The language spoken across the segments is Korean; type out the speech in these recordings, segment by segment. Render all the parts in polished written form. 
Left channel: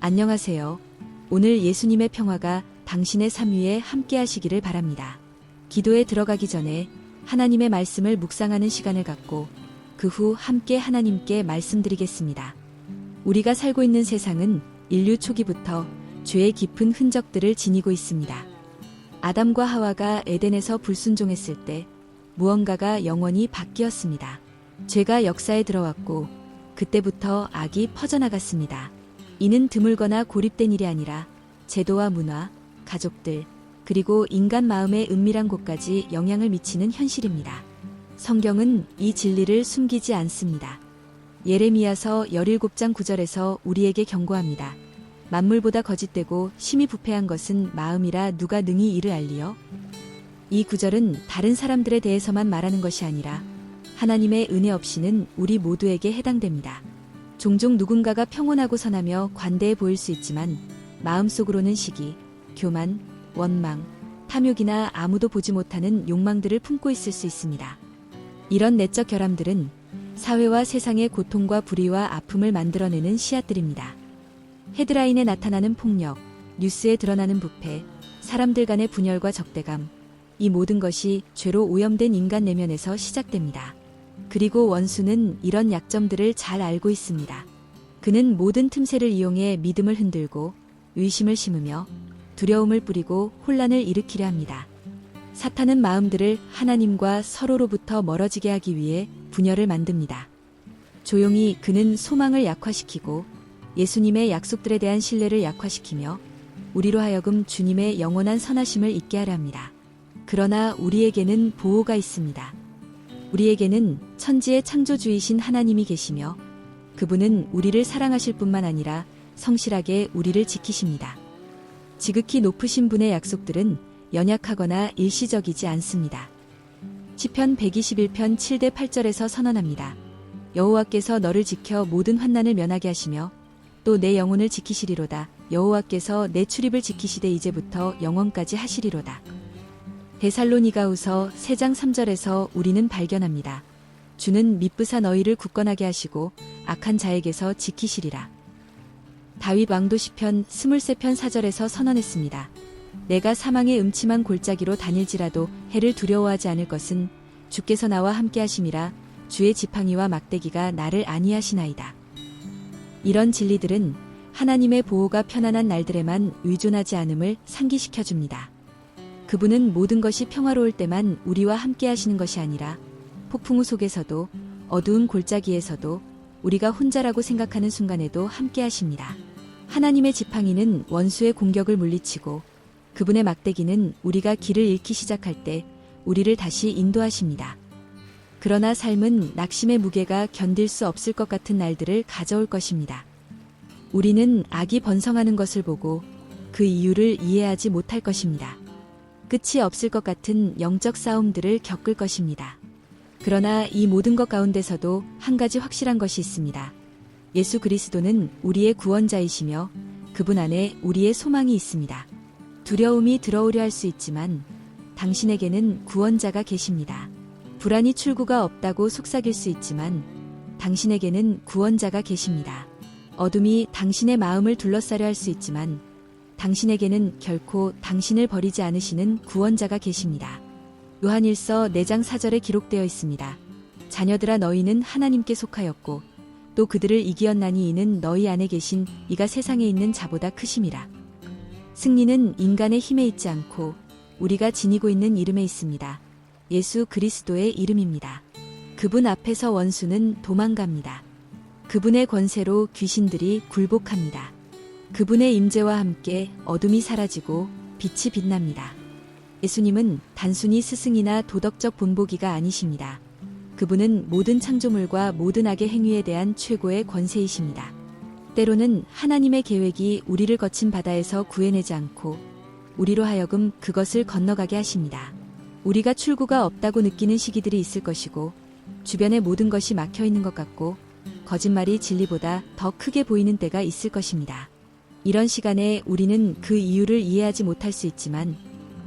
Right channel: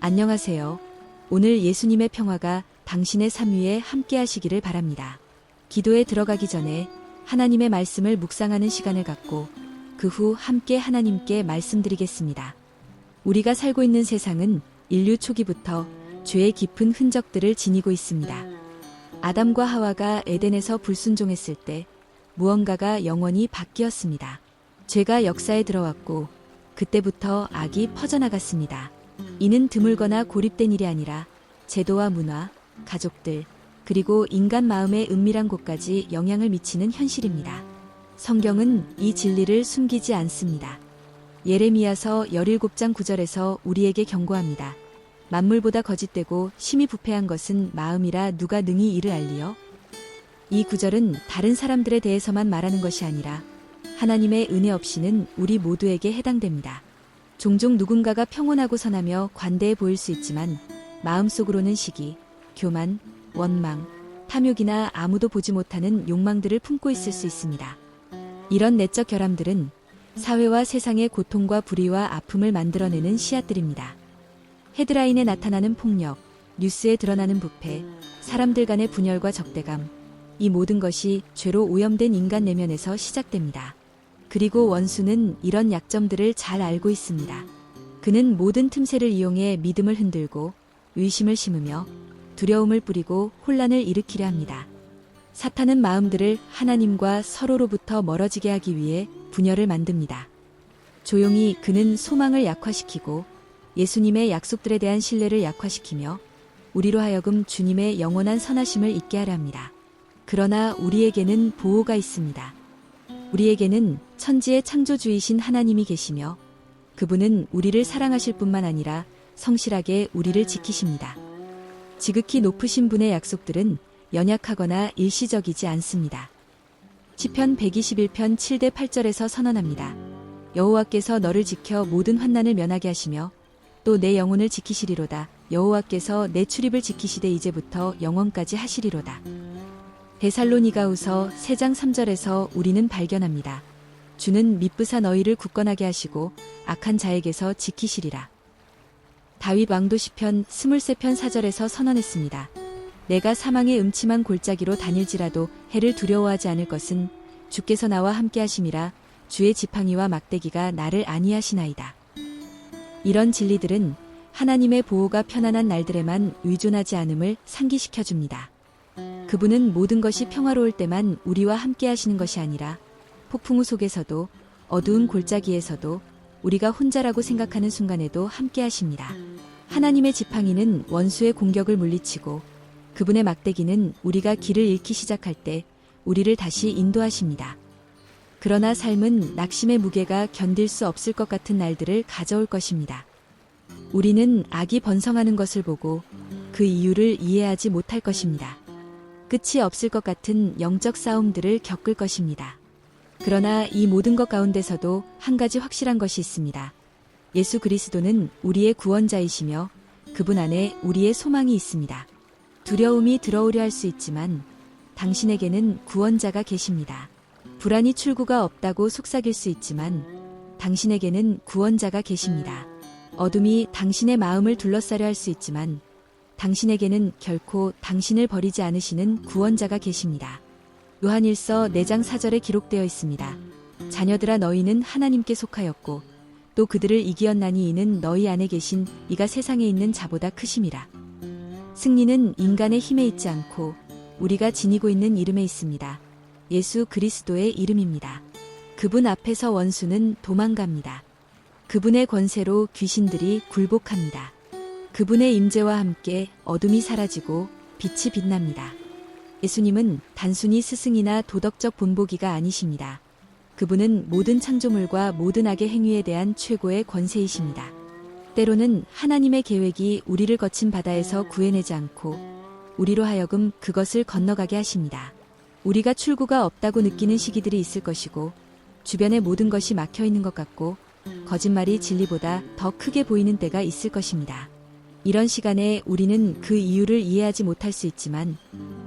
안녕하세요. 오늘 예수님의 평화가 당신의 삶 위에 함께 하시기를 바랍니다. 기도에 들어가기 전에 하나님의 말씀을 묵상하는 시간을 갖고 그 후 함께 하나님께 말씀드리겠습니다. 우리가 살고 있는 세상은 인류 초기부터 죄의 깊은 흔적들을 지니고 있습니다. 아담과 하와가 에덴에서 불순종했을 때 무언가가 영원히 바뀌었습니다. 죄가 역사에 들어왔고 그때부터 악이 퍼져나갔습니다. 이는 드물거나 고립된 일이 아니라 제도와 문화, 가족들, 그리고 인간 마음의 은밀한 곳까지 영향을 미치는 현실입니다. 성경은 이 진리를 숨기지 않습니다. 예레미야서 17장 9절에서 우리에게 경고합니다. 만물보다 거짓되고 심히 부패한 것은 마음이라 누가 능히 이를 알리요? 이 구절은 다른 사람들에 대해서만 말하는 것이 아니라 하나님의 은혜 없이는 우리 모두에게 해당됩니다. 종종 누군가가 평온하고 선하며 관대해 보일 수 있지만 마음속으로는 시기, 교만, 원망, 탐욕이나 아무도 보지 못하는 욕망들을 품고 있을 수 있습니다. 이런 내적 결함들은 사회와 세상의 고통과 불의와 아픔을 만들어내는 씨앗들입니다. 헤드라인에 나타나는 폭력, 뉴스에 드러나는 부패, 사람들 간의 분열과 적대감, 이 모든 것이 죄로 오염된 인간 내면에서 시작됩니다. 그리고 원수는 이런 약점들을 잘 알고 있습니다. 그는 모든 틈새를 이용해 믿음을 흔들고 의심을 심으며 두려움을 뿌리고 혼란을 일으키려 합니다. 사탄은 마음들을 하나님과 서로로부터 멀어지게 하기 위해 분열을 만듭니다. 조용히 그는 소망을 약화시키고 예수님의 약속들에 대한 신뢰를 약화시키며 우리로 하여금 주님의 영원한 선하심을 잊게 하려 합니다. 그러나 우리에게는 보호가 있습니다. 우리에게는 천지의 창조주이신 하나님이 계시며 그분은 우리를 사랑하실 뿐만 아니라 성실하게 우리를 지키십니다. 지극히 높으신 분의 약속들은 연약하거나 일시적이지 않습니다. 시편 121편 7대 8절에서 선언합니다. 여호와께서 너를 지켜 모든 환난을 면하게 하시며 또 내 영혼을 지키시리로다. 여호와께서 내 출입을 지키시되 이제부터 영원까지 하시리로다. 데살로니가후서 3장 3절에서 우리는 발견합니다. 주는 미쁘사 너희를 굳건하게 하시고 악한 자에게서 지키시리라. 다윗 왕도 시편 23편 4절에서 선언했습니다. 내가 사망의 음침한 골짜기로 다닐지라도 해를 두려워하지 않을 것은 주께서 나와 함께 하심이라. 주의 지팡이와 막대기가 나를 안위하시나이다. 이런 진리들은 하나님의 보호가 편안한 날들에만 의존하지 않음을 상기시켜줍니다. 그분은 모든 것이 평화로울 때만 우리와 함께 하시는 것이 아니라 폭풍우 속에서도 어두운 골짜기에서도 우리가 혼자라고 생각하는 순간에도 함께 하십니다. 하나님의 지팡이는 원수의 공격을 물리치고 그분의 막대기는 우리가 길을 잃기 시작할 때 우리를 다시 인도하십니다. 그러나 삶은 낙심의 무게가 견딜 수 없을 것 같은 날들을 가져올 것입니다. 우리는 악이 번성하는 것을 보고 그 이유를 이해하지 못할 것입니다. 끝이 없을 것 같은 영적 싸움들을 겪을 것입니다. 그러나 이 모든 것 가운데서도 한 가지 확실한 것이 있습니다. 예수 그리스도는 우리의 구원자이시며 그분 안에 우리의 소망이 있습니다. 두려움이 들어오려 할 수 있지만 당신에게는 구원자가 계십니다. 불안이 출구가 없다고 속삭일 수 있지만 당신에게는 구원자가 계십니다. 어둠이 당신의 마음을 둘러싸려 할 수 있지만 당신에게는 결코 당신을 버리지 않으시는 구원자가 계십니다. 요한일서 4장 4절에 기록되어 있습니다. 자녀들아 너희는 하나님께 속하였고 또 그들을 이기었나니 이는 너희 안에 계신 이가 세상에 있는 자보다 크심이라. 승리는 인간의 힘에 있지 않고 우리가 지니고 있는 이름에 있습니다. 예수 그리스도의 이름입니다. 그분 앞에서 원수는 도망갑니다. 그분의 권세로 귀신들이 굴복합니다. 그분의 임재와 함께 어둠이 사라지고 빛이 빛납니다. 예수님은 단순히 스승이나 도덕적 본보기가 아니십니다. 그분은 모든 창조물과 모든 악의 행위에 대한 최고의 권세이십니다. 때로는 하나님의 계획이 우리를 거친 바다에서 구해내지 않고 우리로 하여금 그것을 건너가게 하십니다. 우리가 출구가 없다고 느끼는 시기들이 있을 것이고 주변의 모든 것이 막혀 있는 것 같고 거짓말이 진리보다 더 크게 보이는 때가 있을 것입니다. 이런 시간에 우리는 그 이유를 이해하지 못할 수 있지만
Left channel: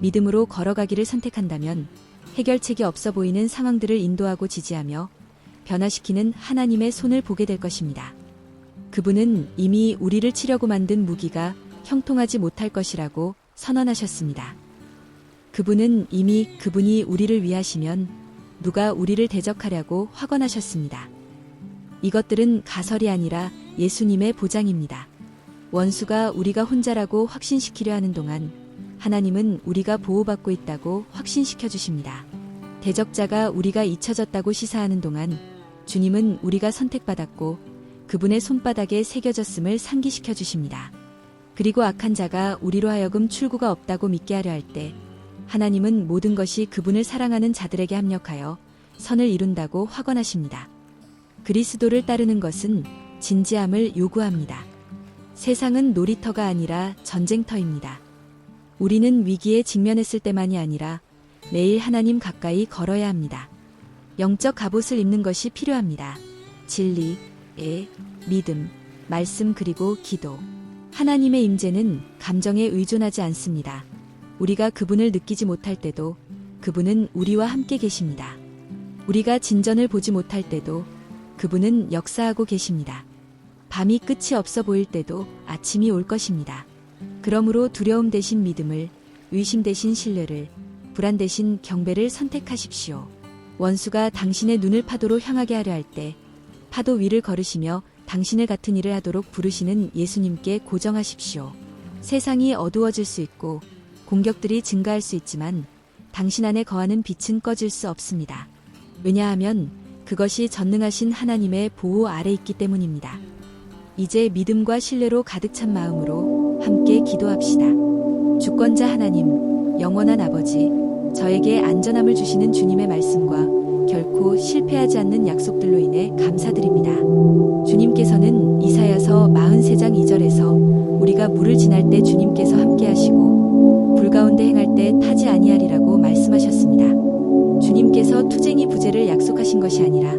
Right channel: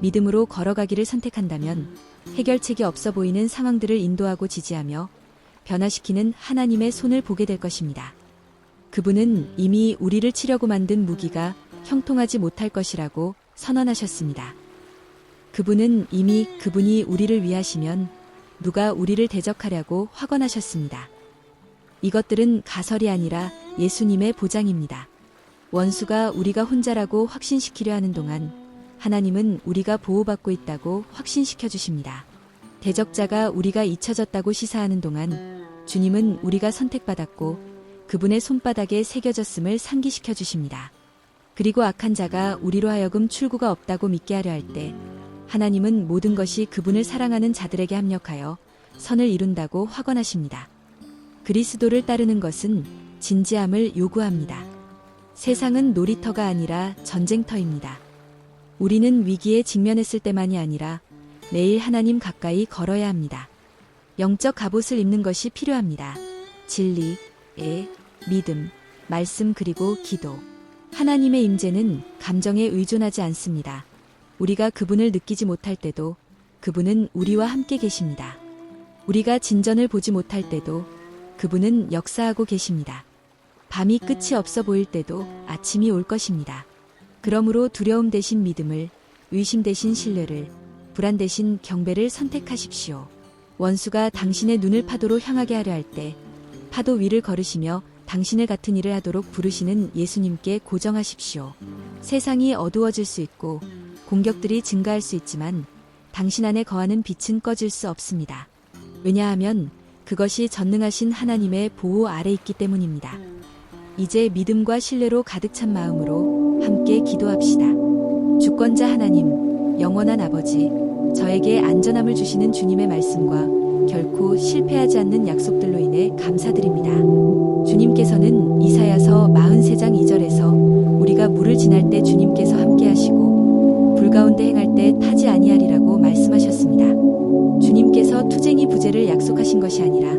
믿음으로 걸어가기를 선택한다면 해결책이 없어 보이는 상황들을 인도하고 지지하며 변화시키는 하나님의 손을 보게 될 것입니다. 그분은 이미 우리를 치려고 만든 무기가 형통하지 못할 것이라고 선언하셨습니다. 그분은 이미 그분이 우리를 위하시면 누가 우리를 대적하려고 확언하셨습니다. 이것들은 가설이 아니라 예수님의 보장입니다. 원수가 우리가 혼자라고 확신시키려 하는 동안 하나님은 우리가 보호받고 있다고 확신시켜 주십니다. 대적자가 우리가 잊혀졌다고 시사하는 동안 주님은 우리가 선택받았고 그분의 손바닥에 새겨졌음을 상기시켜 주십니다. 그리고 악한 자가 우리로 하여금 출구가 없다고 믿게 하려 할 때 하나님은 모든 것이 그분을 사랑하는 자들에게 합력하여 선을 이룬다고 확언하십니다. 그리스도를 따르는 것은 진지함을 요구합니다. 세상은 놀이터가 아니라 전쟁터입니다. 우리는 위기에 직면했을 때만이 아니라 매일 하나님 가까이 걸어야 합니다. 영적 갑옷을 입는 것이 필요합니다. 진리, 믿음, 말씀 그리고 기도. 하나님의 임재는 감정에 의존하지 않습니다. 우리가 그분을 느끼지 못할 때도 그분은 우리와 함께 계십니다. 우리가 진전을 보지 못할 때도 그분은 역사하고 계십니다. 밤이 끝이 없어 보일 때도 아침이 올 것입니다. 그러므로 두려움 대신 믿음을, 의심 대신 신뢰를, 불안 대신 경배를 선택하십시오. 원수가 당신의 눈을 파도로 향하게 하려 할 때 파도 위를 걸으시며 당신을 같은 일을 하도록 부르시는 예수님께 고정하십시오. 세상이 어두워질 수 있고 공격들이 증가할 수 있지만 당신 안에 거하는 빛은 꺼질 수 없습니다. 왜냐하면 그것이 전능하신 하나님의 보호 아래 있기 때문입니다. 이제 믿음과 신뢰로 가득 찬 마음으로 함께 기도합시다. 주권자 하나님, 영원한 아버지, 저에게 안전함을 주시는 주님의 말씀과 결코 실패하지 않는 약속들로 인해 감사드립니다. 주님께서는 이사야서 43장 2절에서 우리가 물을 지날 때 주님께서 함께 하시고 불 가운데 행할 때 타지 아니하리라고 말씀하셨습니다. 주님께서 투쟁이 부재를 약속하신 것이 아니라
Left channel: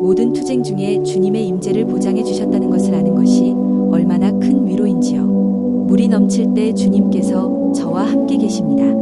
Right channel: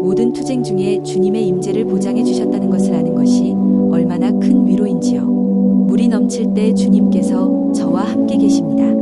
모든 투쟁 중에 주님의 임재를 보장해 주셨다는 것을 아는 것이 얼마나 큰 위로인지요. 물이 넘칠 때 주님께서 저와 함께 계십니다.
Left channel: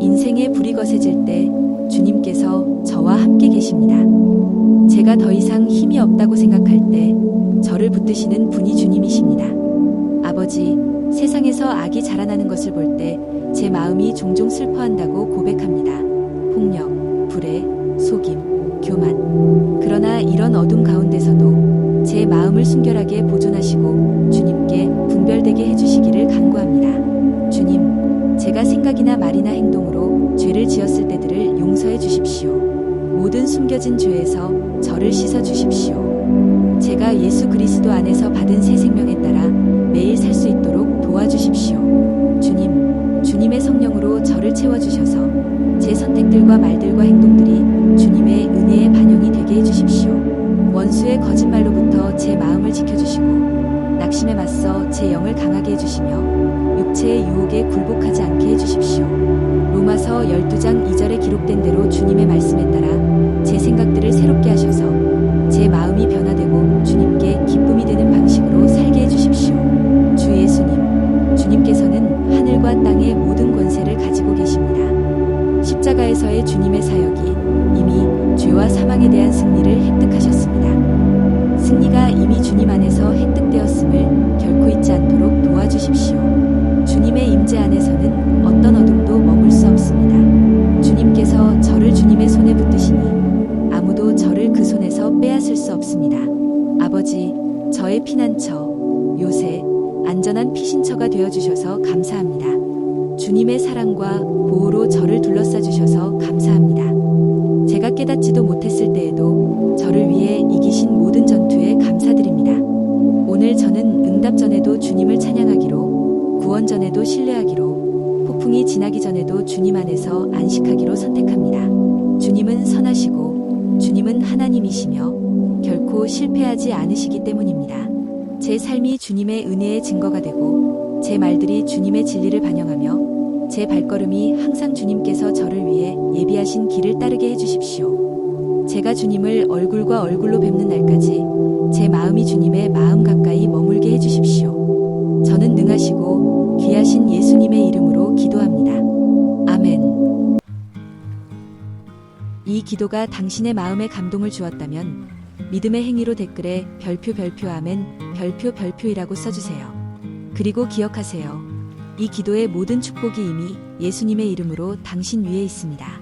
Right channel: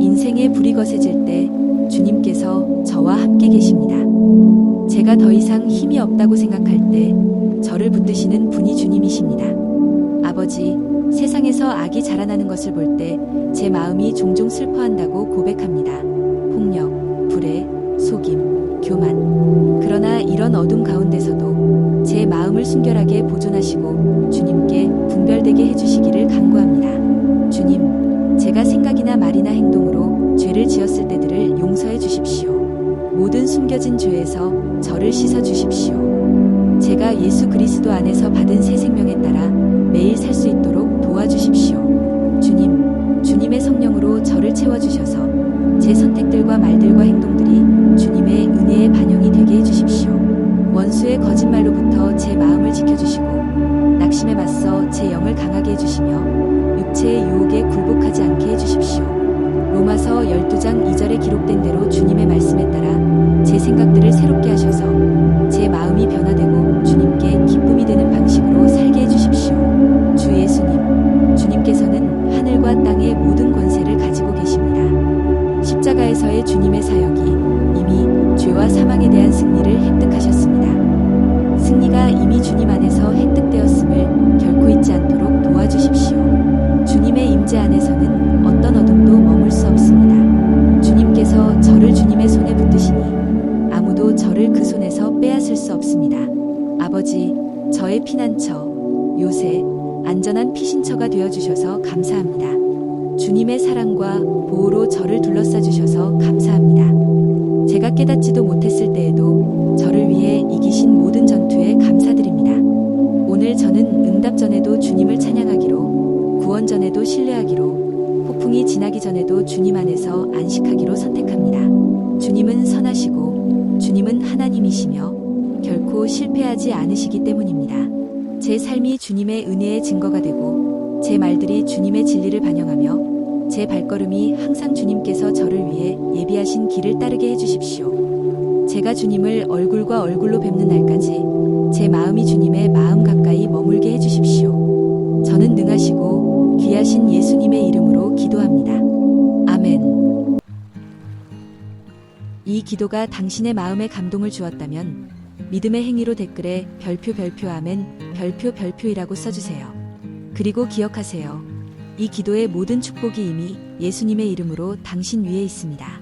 인생의 불이 거세질 때 주님께서 저와 함께 계십니다. 제가 더 이상 힘이 없다고 생각할 때 저를 붙드시는 분이 주님이십니다. 아버지, 세상에서 악이 자라나는 것을 볼 때 제 마음이 종종 슬퍼한다고 고백합니다. 폭력, 불의, 속임, 교만. 그러나 이런 어둠 가운데서도 제 마음을 순결하게 보존하시고 주님께 분별되게 해주시기를 간구합니다. 주님, 제가 생각이나 말이나 행동으로 죄를 지었을 때들을 용서해 주십시오. 모든 숨겨진 죄에서 저를 씻어 주십시오. 제가 예수 그리스도 안에서 받은 새 생명에 따라 매일 살 수 있도록 도와주십시오. 주님, 주님의 성령으로 저를 채워주셔서 제 선택들과 말들과 행동들이 주님의 은혜의 반영이 되게 해주십시오. 원수의 거짓말로부터 제 마음을 지켜주시고 낙심에 맞서 제 영을 강하게 해주시며 육체의 유혹에 굴복하지 않게 해주십시오. 로마서 12장 2절에 기록된 대로 주님의 말씀에 따라 제 생각들을 새롭게 하셔서 제 마음이 변화되고 주님께 기쁨이 되는 방식으로 살게 해주십시오. 주 예수님, 주님께서는 하늘과 땅의 모든 권세를 가지고 계십니다. 십자가에서의 주님의 사역이 이미 죄와 사망에 대한 승리를 획득하셨습니다. 승리가 이미 주님 안에서 획득되었음을 결코 잊지 않도록 도와주십시오. 주님의 임재 안에서는 어떤 어둠도 머물 수 없습니다. 주님께서 저를 주님의 손에 붙드시니 아무도 저를 그 손에서 빼앗을 수 없습니다. 아버지, 저의 피난처, 요새, 안전한 피신처가 되어주셔서 감사합니다. 주님의 사랑과 보호로 저를 둘러싸 주셔서 감사합니다. 제가 깨닫지도 못했을 때에도 저를 위해 이기신 모든 전투에 감사드립니다. 오늘 저는 응답 전에도 주님을 찬양하기로, 구원 전에도 신뢰하기로, 폭풍이 지나기 전에도 주님 안에서 안식하기로 선택합니다. 주님은 선하시고 주님은 하나님이시며 결코 실패하지 않으시기 때문입니다. 제 삶이 주님의 은혜의 증거가 되고 제 말들이 주님의 진리를 반영하며 제 발걸음이 항상 주님께서 저를 위해 예비하신 길을 따르게 해주십시오. 제가 주님을 얼굴과 얼굴로 뵙는 날까지 제 마음이 주님의 마음 가까이 머물게 해주십시오. 저는 능하시고 귀하신 예수님의 이름으로 기도합니다. 아멘. 이 기도가 당신의 마음에 감동을 주었다면 믿음의 행위로 댓글에 별표 아멘 별표이라고 써주세요. 그리고 기억하세요. 이 기도의 모든 축복이 이미 예수님의 이름으로 당신 위에 있습니다.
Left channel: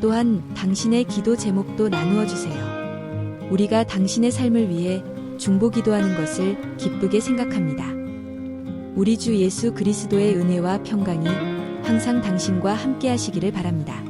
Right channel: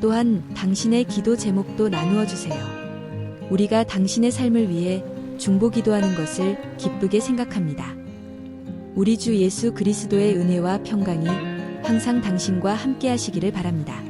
또한 당신의 기도 제목도 나누어 주세요. 우리가 당신의 삶을 위해 중보 기도하는 것을 기쁘게 생각합니다. 우리 주 예수 그리스도의 은혜와 평강이 항상 당신과 함께 하시기를 바랍니다.